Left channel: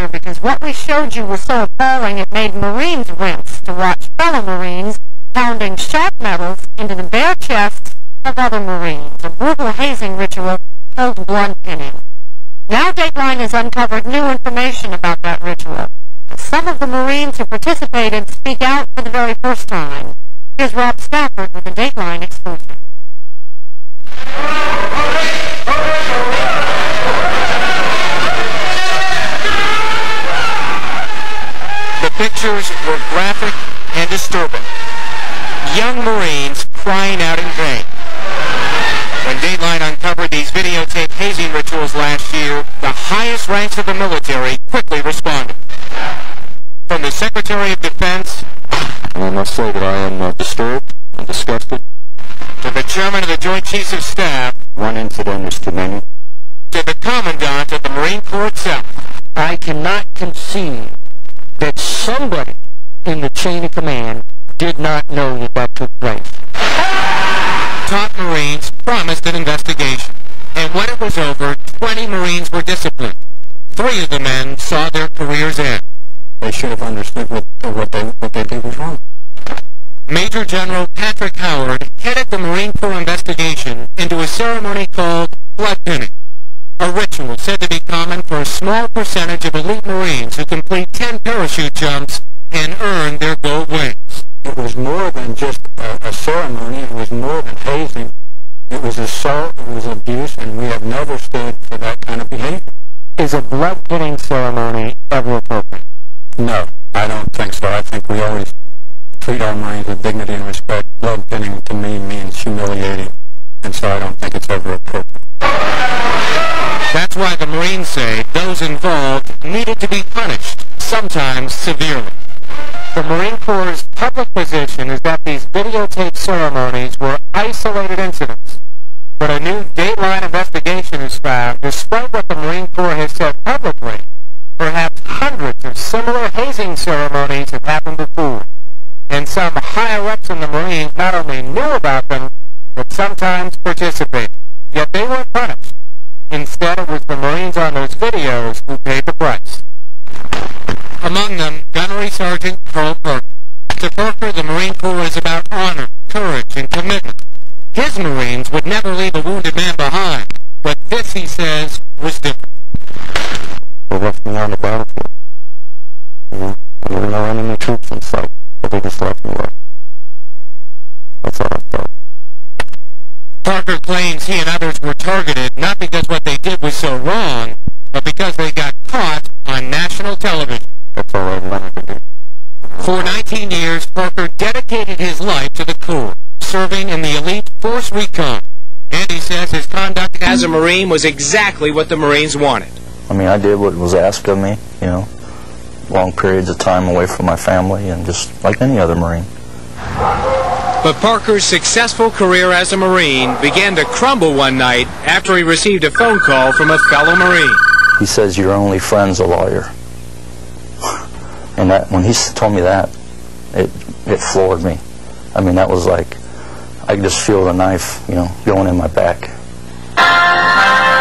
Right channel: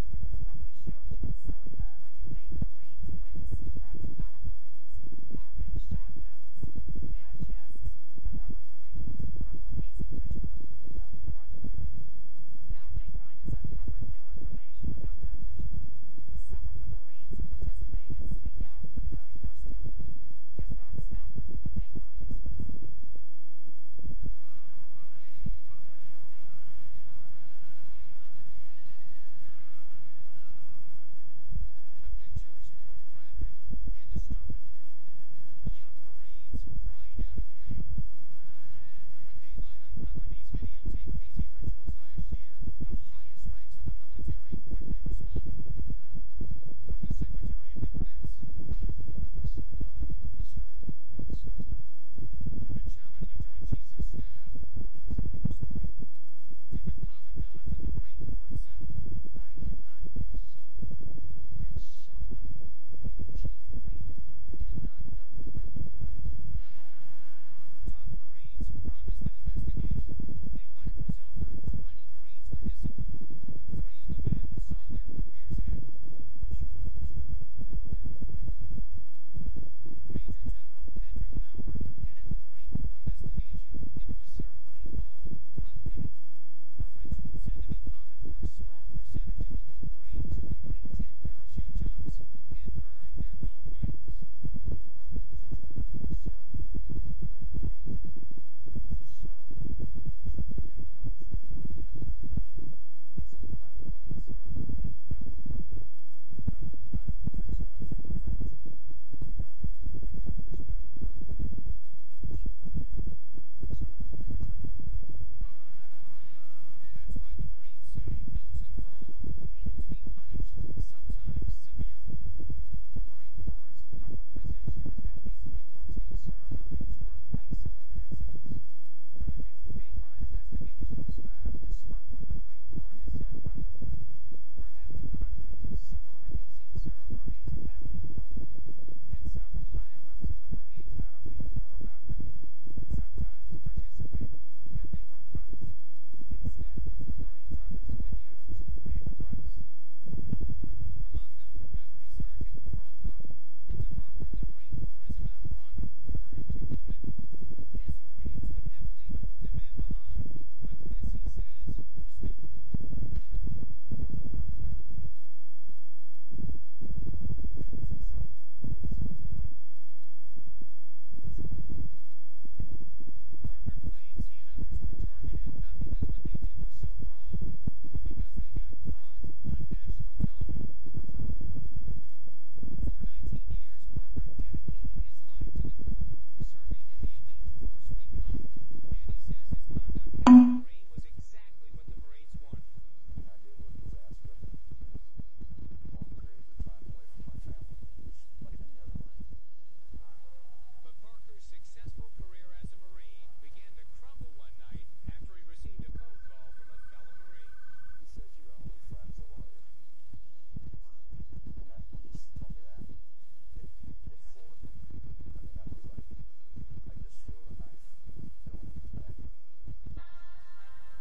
later because what we showed you was so appalling it made Marines wince to watch fellow Marines pounding sharp metals into the bare chests of other Marines, a brutal hazing ritual called blood pinning. Now Dateline has uncovered new information about that ritual. Some of the Marines who participated speak out for the very first time. Here's Rob Stafford with a Dateline exclusive. The pictures were graphic and disturbing. Young Marines crying out in vain. When Dateline uncovered these videotaped hazing rituals last year, the highest ranks of the military quickly responded. From the Secretary of Defense, I must say that I am disturbed and disgusted. To the Chairman of the Joint Chiefs of Staff, one incident is too many. To the Commandant of the Marine Corps itself, I cannot conceive that somebody in the chain of command did not know that that took place. Top Marines promised an investigation, and when it was over, 20 Marines were disciplined. 3 of the men saw their careers end. They should have understood what they did was wrong. Major General Patrick Howard headed the Marine Corps investigation into a ceremony called blood pinning, a ritual said to be common for a small percentage of elite Marines who complete 10 parachute jumps and earn their gold wings. It was more than just a ceremony. It was more than hazing. It was assault, it was abuse, and we have never stood for that kind of behavior. Is a blood pinning ceremony ever appropriate? No, I don't think so. I think we always treat our Marines with dignity and respect. Blood pinning to me means humiliating, and so I don't think it's ever appropriate. That's why the Marines say those involved needed to be punished, sometimes severely. The Marine Corps' public position is that these videotaped ceremonies were isolated incidents. But a new Dateline investigation has found, despite what the Marine Corps has said publicly, perhaps hundreds of similar hazing ceremonies have happened before. And some higher-ups in the Marines not only knew about them, but sometimes participated. Yet they weren't punished. Instead, it was the Marines on those videos who paid the price. Among them, Gunnery Sergeant Carl Parker. To Parker, the Marine Corps is about honor, courage, and commitment. His Marines would never leave a wounded man behind, but this, he says, was different. They left me on the battlefield. There were no enemy troops in sight, but they just left me there. That's how I felt. Parker claims he and others were targeted not because what they did was so wrong, but because they got caught on national television. That's all I wanted to do. For 19 years, Parker dedicated his life to the Corps, serving in the elite Force Recon. And he says his conduct as a Marine was exactly what the Marines wanted. I mean, I did what was asked of me, you know, long periods of time away from my family and just like any other Marine. But Parker's successful career as a Marine began to crumble one night after he received a phone call from a fellow Marine. He says, "Your only friend's a lawyer." And that, when he told me that, it floored me. I mean, that was like, I could just feel the knife, you know, going in my back.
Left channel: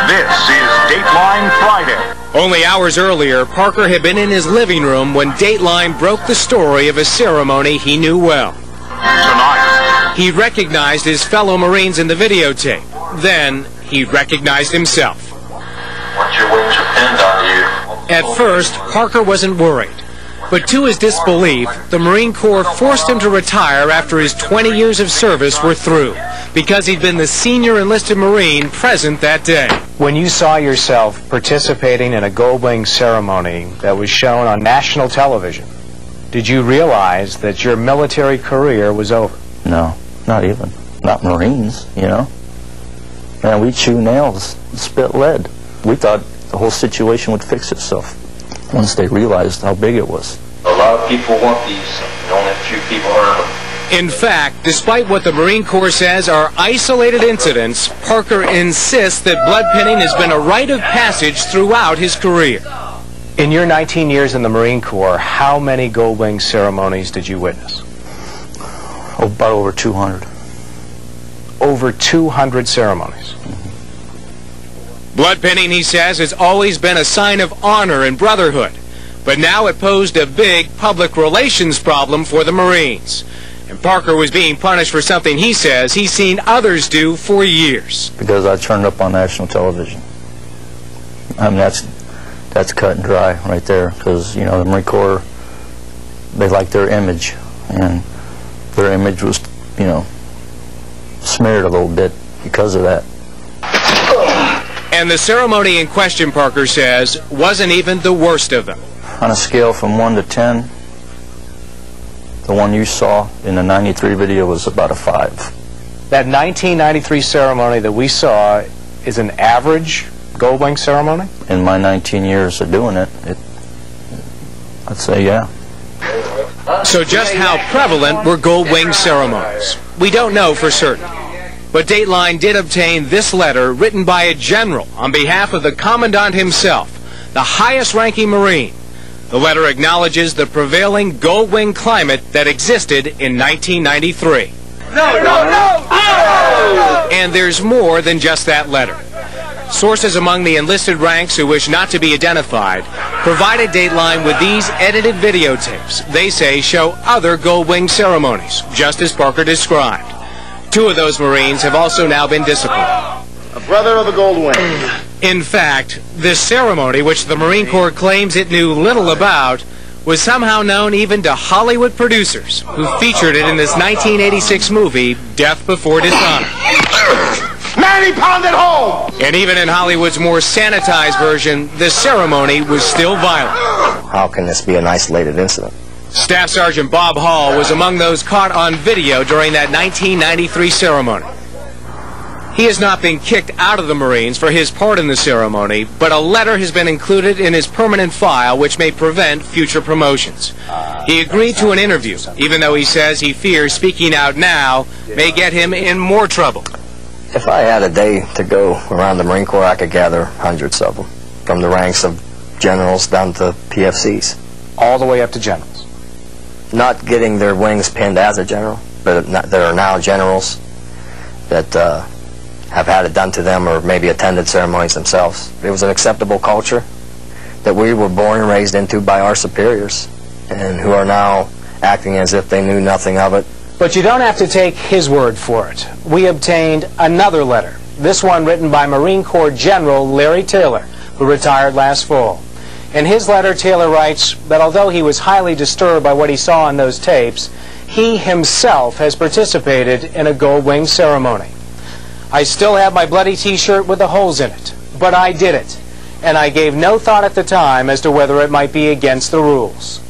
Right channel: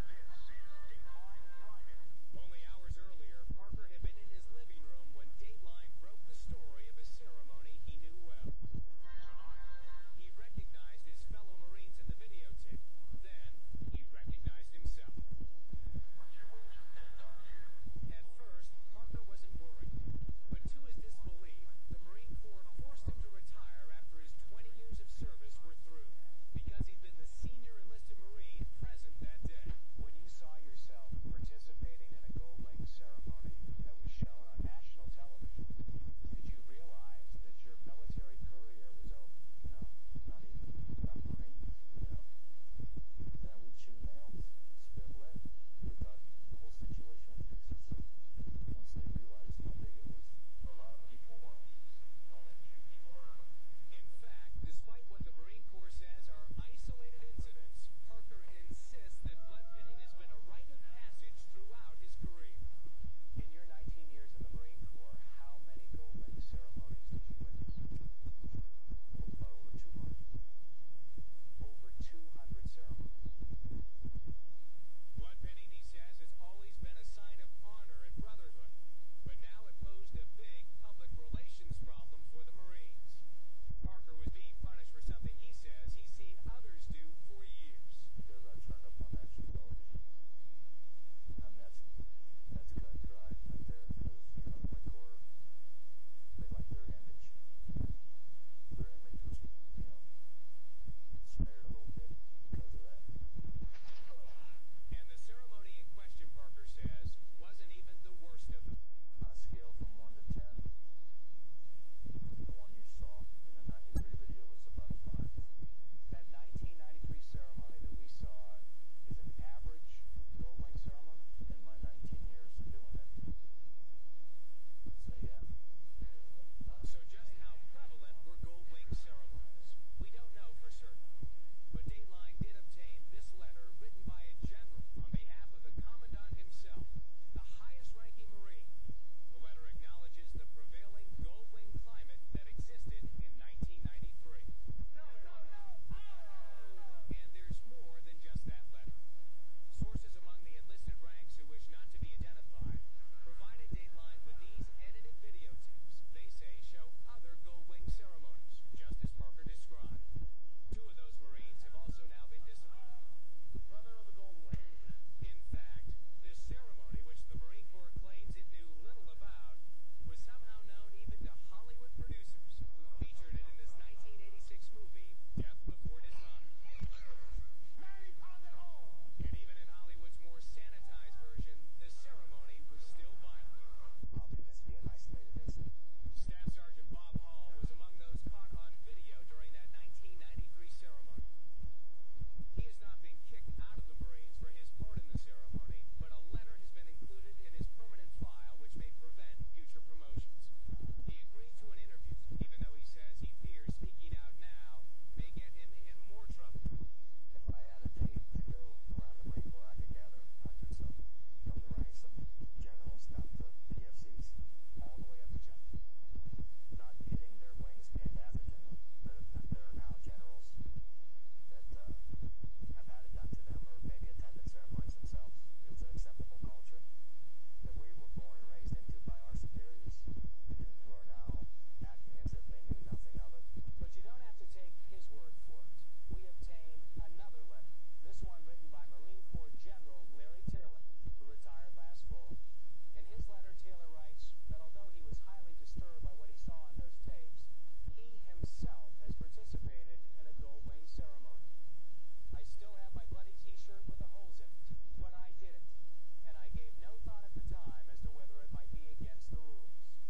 This is Dateline Friday. Only hours earlier, Parker had been in his living room when Dateline broke the story of a ceremony he knew well. Tonight, He recognized his fellow Marines in the videotape. Then, he recognized himself. Once your wings are pinned on you. At first, Parker wasn't worried. But to his disbelief, the Marine Corps forced him to retire after his 20 years of service were through, because he'd been the senior enlisted Marine present that day. When you saw yourself participating in a gold wing ceremony that was shown on national television, did you realize that your military career was over? No, not even. Not Marines, you know. Man, we chew nails and spit lead. We thought the whole situation would fix itself once they realized how big it was. A lot of people want these, and only a few people earn them. In fact, despite what the Marine Corps says are isolated incidents, Parker insists that blood pinning has been a rite of passage throughout his career. In your 19 years in the Marine Corps, how many gold wing ceremonies did you witness? Oh, about over 200. Over 200 ceremonies. Blood pinning, he says, has always been a sign of honor and brotherhood. But now it posed a big public relations problem for the Marines. And Parker was being punished for something he says he's seen others do for years. Because I turned up on national television. I mean, that's cut and dry right there, because, you know, the Marine Corps, they like their image, and their image was, you know, smeared a little bit because of that. And the ceremony in question, Parker says, wasn't even the worst of them. On a scale from 1 to 10, the one you saw in the 93 video was about a 5. That 1993 ceremony that we saw is an average gold wing ceremony? In my 19 years of doing it, I'd say yeah. So just how prevalent were gold wing ceremonies? We don't know for certain. But Dateline did obtain this letter written by a general on behalf of the Commandant himself, the highest-ranking Marine. The letter acknowledges the prevailing gold wing climate that existed in 1993. No! And there's more than just that letter. Sources among the enlisted ranks who wish not to be identified provided Dateline with these edited videotapes they say show other gold wing ceremonies, just as Parker described. 2 of those Marines have also now been disciplined. A brother of the gold wing. In fact, this ceremony, which the Marine Corps claims it knew little about, was somehow known even to Hollywood producers who featured it in this 1986 movie, Death Before Dishonor. 90 pound at home! And even in Hollywood's more sanitized version, the ceremony was still violent. How can this be an isolated incident? Staff Sergeant Bob Hall was among those caught on video during that 1993 ceremony. He has not been kicked out of the Marines for his part in the ceremony, but a letter has been included in his permanent file which may prevent future promotions. He agreed to an interview, even though he says he fears speaking out now may get him in more trouble. If I had a day to go around the Marine Corps, I could gather hundreds of them, from the ranks of generals down to PFCs. All the way up to generals. Not getting their wings pinned as a general, but there are now generals that have had it done to them or maybe attended ceremonies themselves. It was an acceptable culture that we were born and raised into by our superiors, and who are now acting as if they knew nothing of it. But you don't have to take his word for it. We obtained another letter, this one written by Marine Corps General Larry Taylor, who retired last fall. In his letter, Taylor writes that although he was highly disturbed by what he saw on those tapes, he himself has participated in a gold wing ceremony. I still have my bloody t-shirt with the holes in it, but I did it, and I gave no thought at the time as to whether it might be against the rules.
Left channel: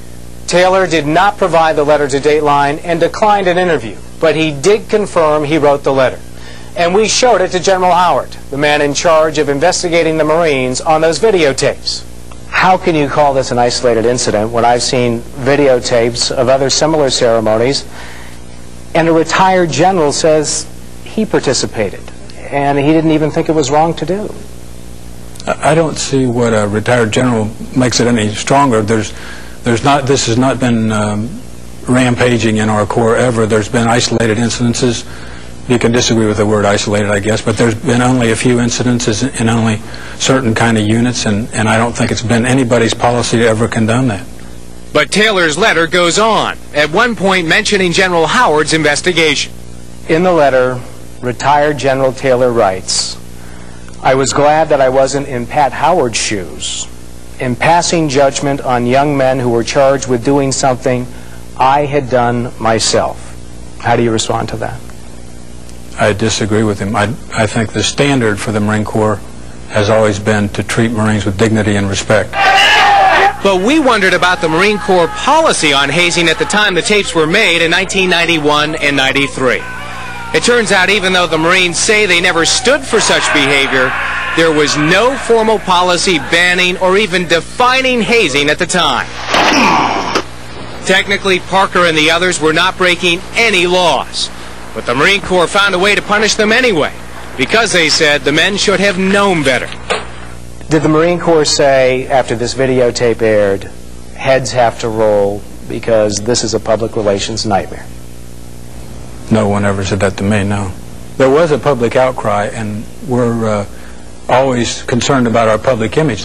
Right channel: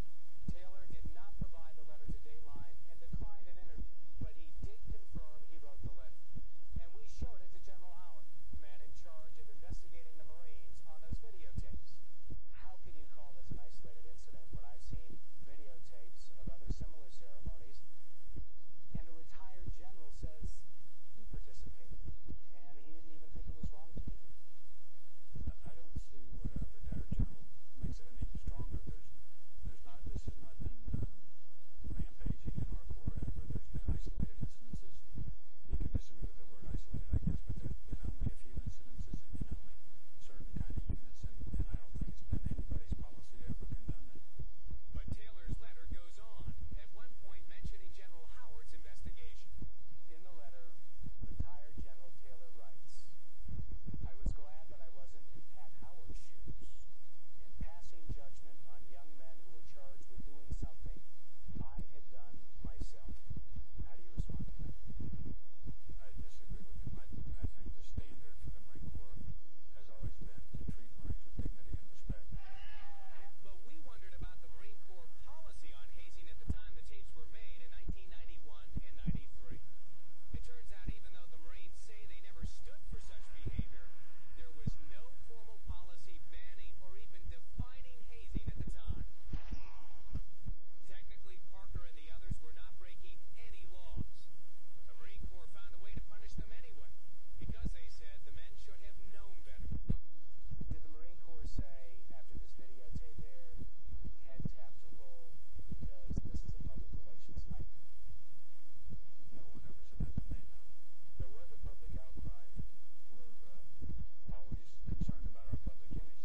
Taylor did not provide the letter to Dateline and declined an interview, but he did confirm he wrote the letter. And we showed it to General Howard, the man in charge of investigating the Marines on those videotapes. How can you call this an isolated incident when I've seen videotapes of other similar ceremonies and a retired general says he participated and he didn't even think it was wrong to do? I don't see what a retired general makes it any stronger. This has not been rampaging in our Corps ever. There's been isolated incidences. You can disagree with the word isolated, I guess, but there's been only a few incidences in only certain kind of units, and I don't think it's been anybody's policy to ever condone that. But Taylor's letter goes on, at one point mentioning General Howard's investigation. In the letter, retired General Taylor writes, I was glad that I wasn't in Pat Howard's shoes, in passing judgment on young men who were charged with doing something I had done myself. How do you respond to that? I disagree with him. I think the standard for the Marine Corps has always been to treat Marines with dignity and respect. But we wondered about the Marine Corps policy on hazing at the time the tapes were made in 1991 and 93. It turns out even though the Marines say they never stood for such behavior, there was no formal policy banning or even defining hazing at the time. Technically, Parker and the others were not breaking any laws. But the Marine Corps found a way to punish them anyway, because they said the men should have known better. Did the Marine Corps say, after this videotape aired, heads have to roll because this is a public relations nightmare? No one ever said that to me, no. There was a public outcry, and we're always concerned about our public image.